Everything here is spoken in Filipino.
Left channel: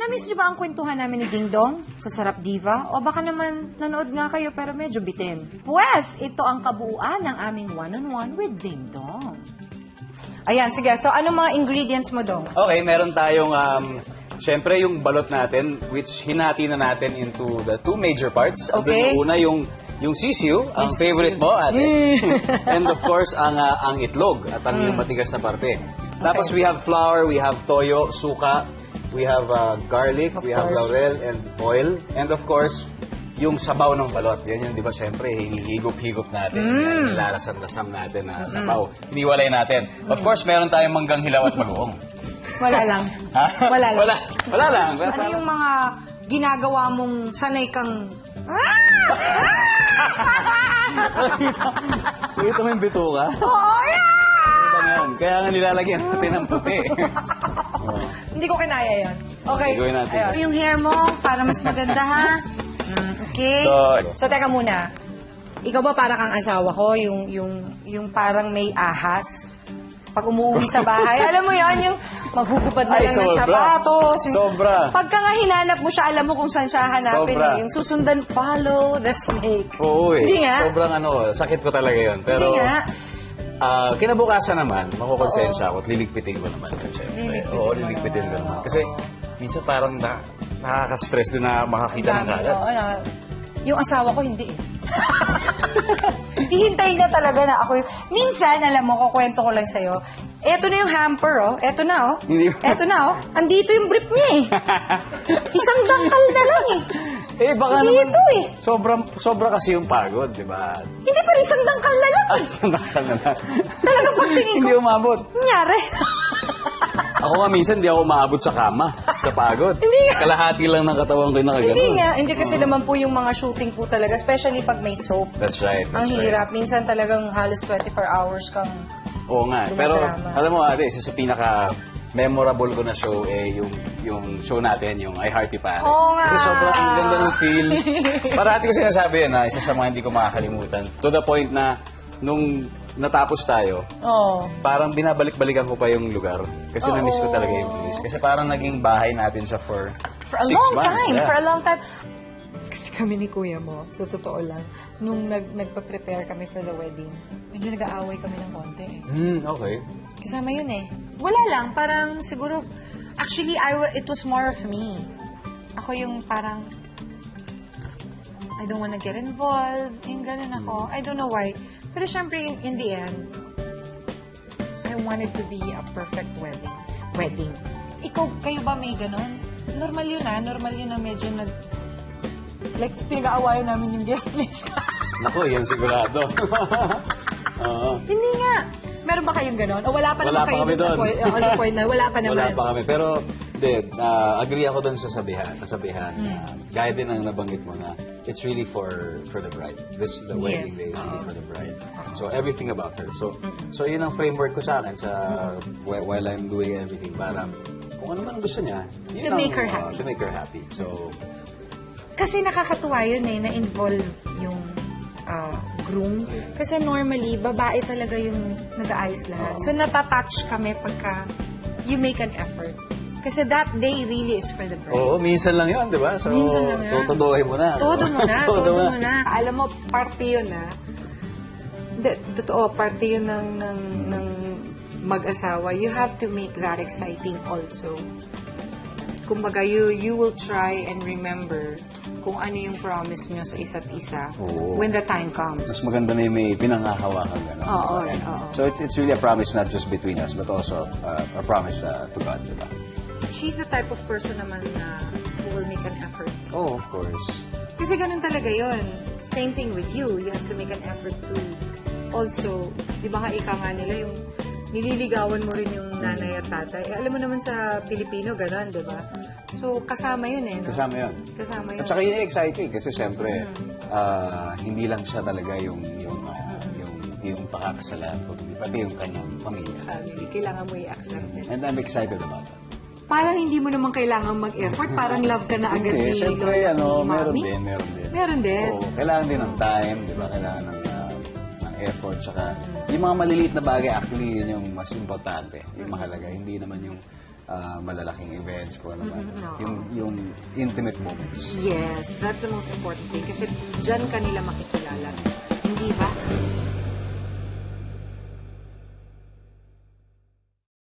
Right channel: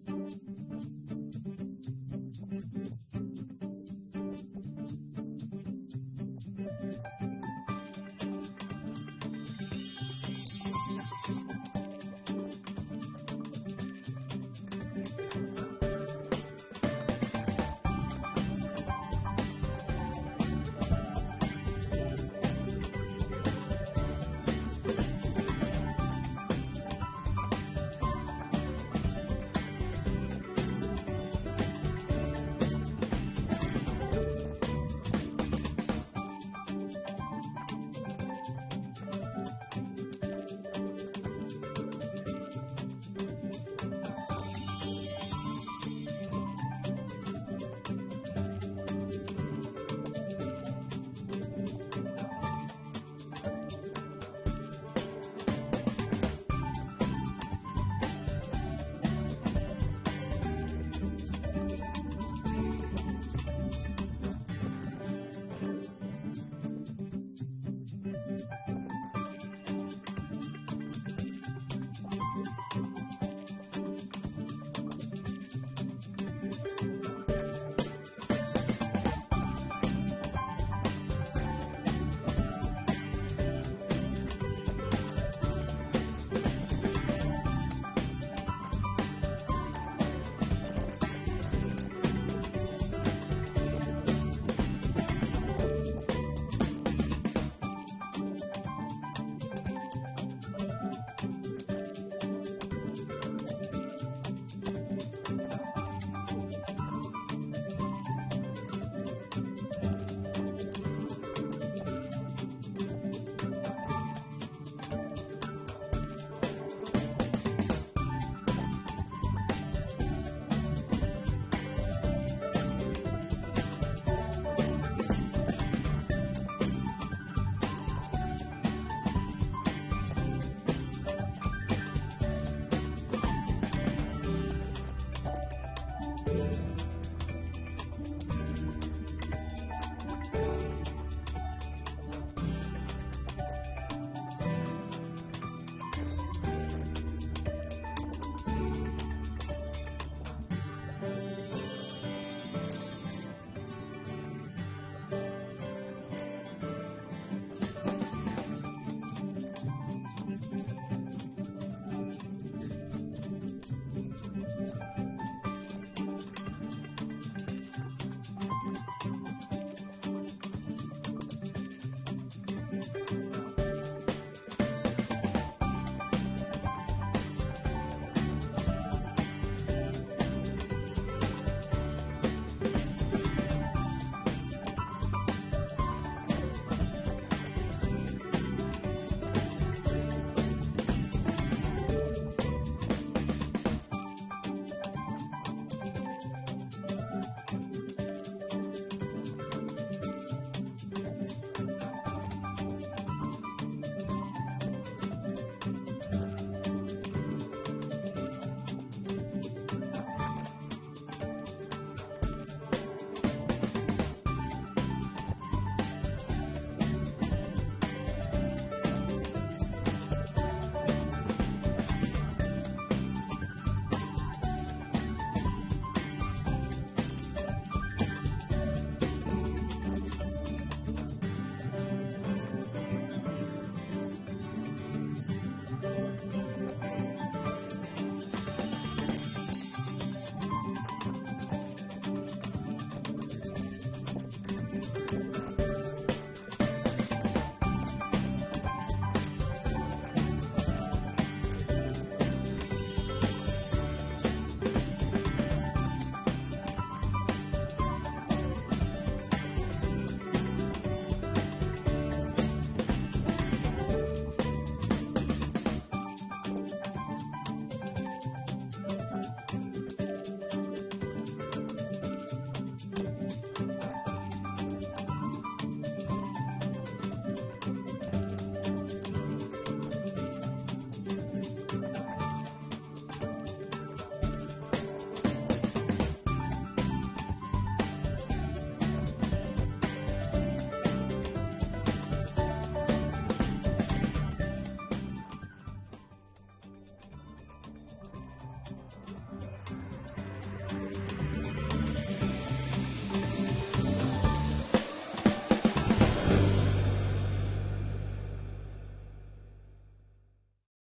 Na-miss niyo ba ang kwentuhan namin ni Ding Dong sa Sarap Diva? O baka naman nanood nga kayo pero medyo bitin? Pwes, ito ang kabuuan ng aming one-on-one with Ding Dong. Ayan, sige. So, anong mga ingredients mo, Dong? Okay, meron tayong, syempre yung balot natin, which hinati na natin into the two major parts. Okay. Una, yung sisiu, ang favorite mo, ate. And of course, ang itlog at ang yung matigas na parte. Tapos we have flour, we have toyo, suka, we have garlic, we have laurel and oil. And of course, yung sabaw ng balot. Yan yung, di ba, syempre, higop-higop natin. Yan, nilarasam-rasam natin na sabaw. Niwalay natin. Of course, meron tayong manggang hilaw at bagoong. Wala lang. Ha? Wala lang. Wala lang. Ano yung mga ginagawa mong sanay kang... Ito mo yung bituka? Oh, yeah! Kaya nga nilalagyan natin ng puti. Hindi ko kinaya yan. Okay. Gawin natin. Ayun. Yung hair mo, para mas maganda, ha? Okay. So, teka muna. Ikaw ba para kang asawa ko? Yung parang may ahas? Pag umuwi sa bahay, alam mo yan, yung maghugupad na lang ng sapatos. Sobra. Pagka nga hinanap mo siya, alam mo kung saan siya hanapin. Sobra. Yung susundan, follow the snake. Oo eh. Hindi nga. Sobrang sakit ko talaga yun. Pero, Hindi nga. kinabukasan naman, makukonsensya ako at liligpitin ko naman. Oo, liligpitin ko naman. Kasi, minsan parang nakaka-stress din na makakita ng kalat. Yung asawa ko, hindi. Hihintayin na talaga na ako. Minsan, alam mo, kukwento ko lang sa'yo, eto na yung hamper, oh. Eto na, oh. Eto na, oh. Andito yung brief niya, eh. Isang dangkal na lang, eh. Eh, baka Dito, naman, sobra kasi yung pagod, di ba? Hindi, pero isang dangkal na lang, eh. Isang dangkal na lang. Talagang pagtingin ko. Hindi umabot. Nangyari. Ako nga minsan, hindi ako maabot sa kama, sa pagod. Hindi nga. Kalahati lang ng katawan ko yung nakagano. Hindi nga. Hindi kasi naman po yung mga shooting po talaga, especially pag may soap. That's right. Ang hirap. Minsan talagang halos 24 hours kang... Oo nga. Pero, Drama. alam mo ate, isa sa pinaka-memorable ko na show, yung show natin, yung I Heart You Pare. Oo nga. Kasi sobrang ganda ng feel. Parati ko sinasabi yan, isa sa mga hindi ko makakalimutan. To the point na, nung natapos tayo, Oo. parang binabalik-balikan ko pa yung lugar. Kasi na-miss ko talaga yung place. Kasi parang naging bahay natin siya for a 6 long months. time. Yeah. For a long time. Kasi kami ni Kuya mo, sa totoo lang, nung nagpa-prepare kami for the wedding, medyo nag-aaway kami ng konti. Okay. Kasama yun eh. Wala lang, parang siguro, actually, it was more of me. Ako yung parang, I don't wanna get involved, yung ganun ako. I don't know why. Pero syempre, in the end, I want it to be a perfect wedding. Ikaw, kayo ba may ganun? Normal yun normal yun na medyo like, pinag-aawayan namin yung guest list. Naku, yan sigurado. Hindi nga. Meron ba kayong gano'n? O wala pa naman kayo kami dun sa point na wala pa naman? Wala pa kami. Pero, agree ako dun sa sabihan. Gaya din ang nabanggit mo na it's really for the bride. The wedding day is really for the bride. So, everything about her. So yun ang framework ko sa akin while I'm doing everything. Parang, kung ano man ang gusto niya. To make her happy. To make her happy. So, Kasi nakakatuwa yun na-involve yung groom. Kasi normally, babae talaga yung nag-aayos lahat. So, natatouch kami pagka you make an effort. Kasi that day really is for the bride. oo, minsan lang yun, di ba? So, Minsan lang yan. tutuduhin mo na. Todo mo na, todo mo na. Alam mo, parte yun totoo, parte yun ng mag-asawa. You have to make that exciting also. Kumbaga, you will try and remember kung ano yung promise nyo sa isa't isa when the time comes. Mas maganda na yung may pinangahawakan. Oo. So it's really a promise not just between us, but also a promise to God. Diba? She's the type of person naman na who will make an effort. Oh, of course. Kasi ganun talaga yon. Same thing with you. You have to make an effort to also, di ba ka ika nga nila yung nililigawan mo rin yung nanay at tatay. Alam mo naman sa Pilipino, gano'n, di ba? So, kasama yun eh. No? Kasama yun. Kasama yun. At saka yun exciting kasi syempre, hindi lang siya talaga yung pakakasalan, pati yung kanyang pamilya. Kailangan mo i-accept it. And I'm excited about it. Parang hindi mo naman kailangan mag-effort. Parang love ka na agad ni Syempre, meron Mommy. din. Meron din. Oo, kailangan din ng time, di ba? Kailangan ng effort, saka yung mga maliliit na bagay, actually, yun yung mas importante, yung mahalaga. Hindi naman yung malalaking events ko naman. Yung intimate moments. Yes, that's the most important thing. Kasi dyan kanila makikita